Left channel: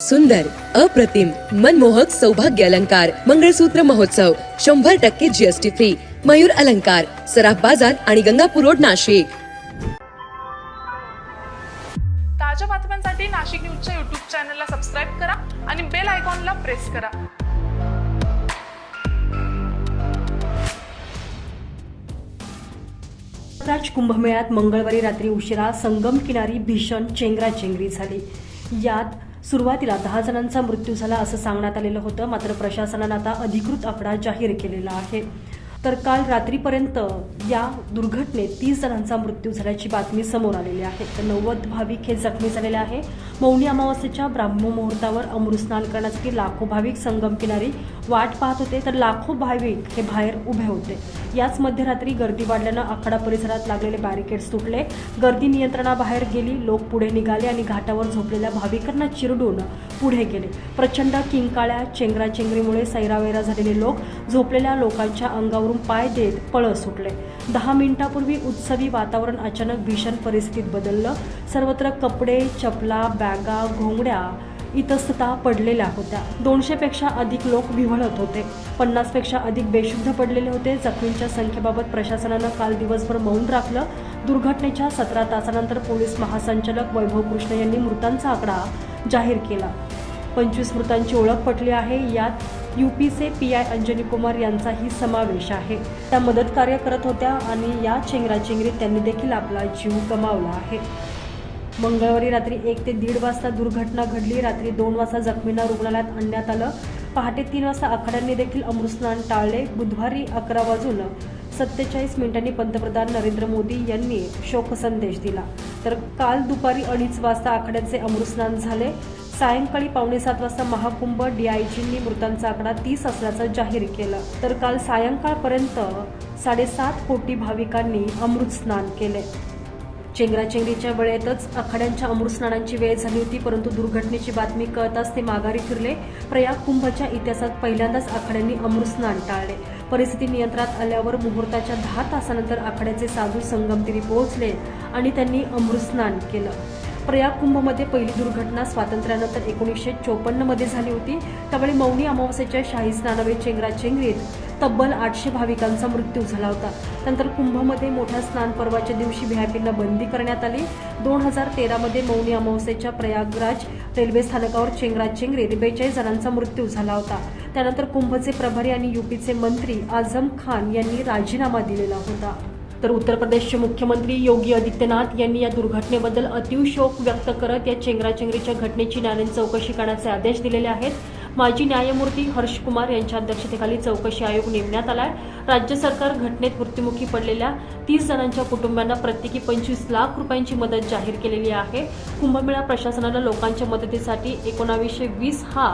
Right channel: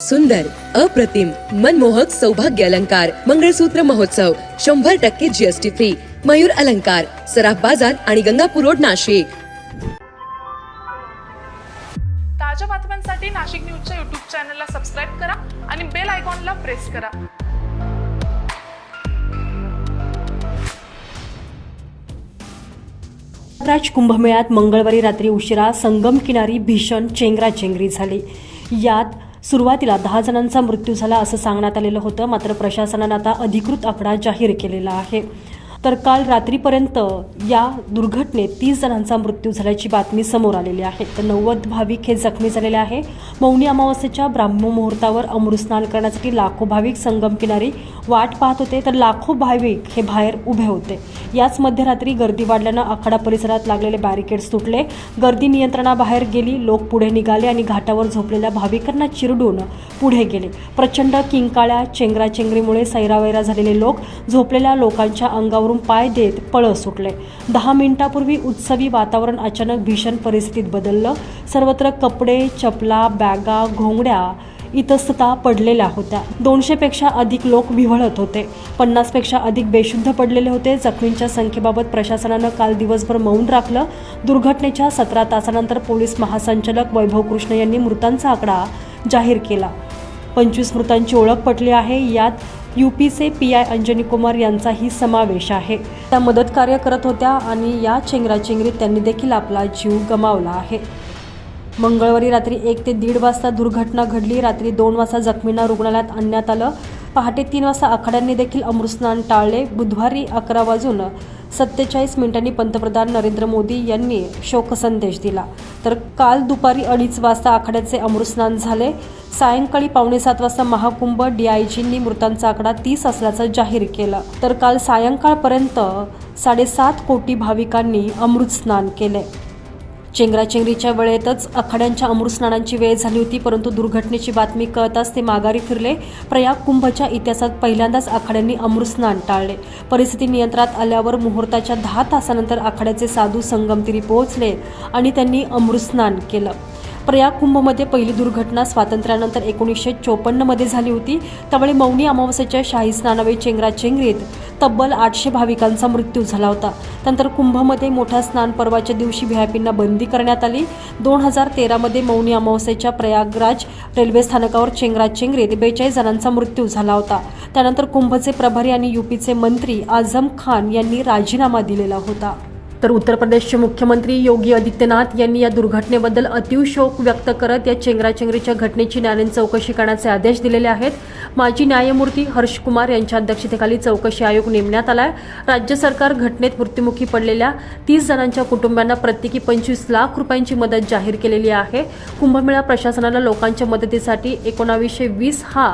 सुंदर, अप्रतिम, मनमोहक सौभाग्य अलंकार मंगळसूत्र महोत्सव 100% जीएसटी फ्री. मयूर अलंकार, सराफ बाजार आणि गंगापूर रोड, नाशिक. ताज्या बातम्यांसाठी नाशिक न्यूजच्या YouTube चॅनलला सबस्क्राईब करा आणि बेल आयकॉनला प्रेस करा. प्रयागराज कुंभमेळ्यात मंगळवारी रात्री उशिरा संगम किनारी भीषण चेंगराचेंगरी झाली. यात सुरुवातीला 10 जणांचा मृत्यू झाला असं सांगण्यात आलेलं होतं. मात्र प्रशासनानं आता अधिकृत आकडा जाहीर केलेला आहे. तर काल रात्रीपर्यंत या दुर्घटनेत 30 जणांचा मृत्यू झाल्याची बातमी समोर आलेली आहे. तर 90 भाविक हे जखमी झालेले आहे. मौनी अमावस्येच्या ब्राह्ममुहूर्तावर अमृतस्नान करण्यासाठी लाखो भाविक संगम किनारी वाट पाहत होते. तर लाखो भाविक हे बाहेर उभे होते. याच मध्यरात्री गर्दी वाढल्यानं आखाडा परिसरात लागलेले बॅरिकेड्स तुटले. गर्दी नियंत्रणाबाहेर गेली. लोक पुढे निघाले आणि घाटावर झोपलेल्या भाविकांना चिरडून पुढे गेले. प्रचंड किंकाळ्या चेंगराचेंगरीमुळे सैरावैरा झालेले लोक झोपलेल्या लोकांच्या अंगावर पाय देत पळ सुटले. 10 मिनिटांपूर्वी उत्सवी वातावरण अचानक भीषण परिस्थितीत बदललं. सर्वत्र कपडे, चपला, बॅगा, घोंगड्या इतस्तता पडलेल्या होत्या. 200 पेक्षा अधिक लोक विव्हळत होते. 50 पेक्षा अधिक बेशुद्ध पडलेले होते. जखमींच्या संख्येबाबत प्रशासनानं काल दिवसभर मौन राखलं. दुर्घटनेच्या 17 तासानंतर पोलीस महासंचालक वैभव कृष्ण यांनी मृतांचा आकडा जाहीर केला. 25 मृतांची ओळख पटली आहे. यात यूपीचे PI अंजनी कुमार यांचाही समावेश आहे. त्या मदत कार्य करत होत्या आणि या चेंगराचेंगरीत त्यांनी देखील आपला जीव गमावला आहे. मंगळवारी रात्री 1 ते 1:30 वाजता दुर्घटना घडली. रात्री 2 वाजता जखमींना रुग्णालयात आणण्यात आलं. पहाटे 3 वाजता आखाड्यांनी देखील अमृतस्नान टाळले. बुधवारी 11:47 पंतप्रधान नरेंद्र मोदी यांनी शोकसंदेश दिला. तर काल दुपारी 2:30 वाजता आखाड्याचे अमृतस्नान झाले. सायंकाळी 6:45 वाजता महाकुंभ DIGंनी मृतांचा आकडा 30 असल्याचं जाहीर केलं. तर काल सायंकाळपर्यंत 7.5 कोटी भाविकांनी अमृतस्नान केले. चेंगराचेंगरीच्या वेळेतच आखाड्यांच्या अमृतस्नानांची वेळ झाली होती. परंतु दुर्घटनेची बातमी कळताच ते माघारी फिरले. प्रयाग कुंभच्या इतिहासात पहिल्यांदाच आखाड्यांनी अमृतस्नान टाळले. परिस्थिती नियंत्रणात आल्यावर मुहूर्ताच्या 10 तासानंतर आखाड्याचे साधू संगमतीरी पोहोचले आणि त्यांनी अमृतस्नान केलं. प्रयाग कुंभमध्ये पहिली दुर्घटना स्वातंत्र्यानंतर 1954 मध्ये झाली होती. त्यावेळी मौनी अमावस्येच्या शाही स्नानावेळी चेंगराचेंगरीत तब्बल 800 भाविकांचा मृत्यू झाला होता. नंतर कुंभमध्ये मोठ्या स्नान पर्वाच्या दिवशी व्हीआयपींना बंदी करण्यात आली. 2013 मध्ये मौनी अमावस्येच्या प्रयागराज रेल्वे स्थानकावर चेंगराचेंगरीत 42 जणांचा मृत्यू झाला होता. त्यानंतर कुंभचे प्रभारी आणि यूपीचे मंत्री आझम खान यांनी राजीनामा दिलेला होता. तर उत्तर प्रदेशचे मुख्यमंत्री योगी आदित्यनाथ यांनी या दुर्घटनेबद्दल अतीव शोक व्यक्त करत या चेंगराचेंगरीच्या घटनेची न्यायालयीन चौकशी करण्याचे आदेश दिलेले आहेत. माजी न्यायमूर्ती हर्ष कुमार यांच्या अध्यक्षतेखाली चौकशी आयोग नेमण्यात आलाय. राज्य सरकार घटनेत मृत्युमुखी पडलेल्या 30 जणांच्या कुटुंबांना प्रत्येकी 25 लाख रुपयांची मदत जाहीर केलेली आहे. कुंभमेळा प्रशासनानं लोकांच्या मदतीसाठी 1920 हा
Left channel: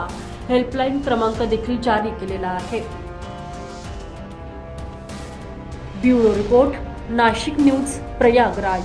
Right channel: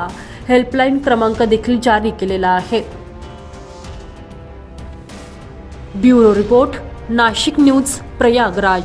हेल्पलाईन क्रमांक देखील जारी केलेला आहे. Bureau report, Nashik news, Prayagraj.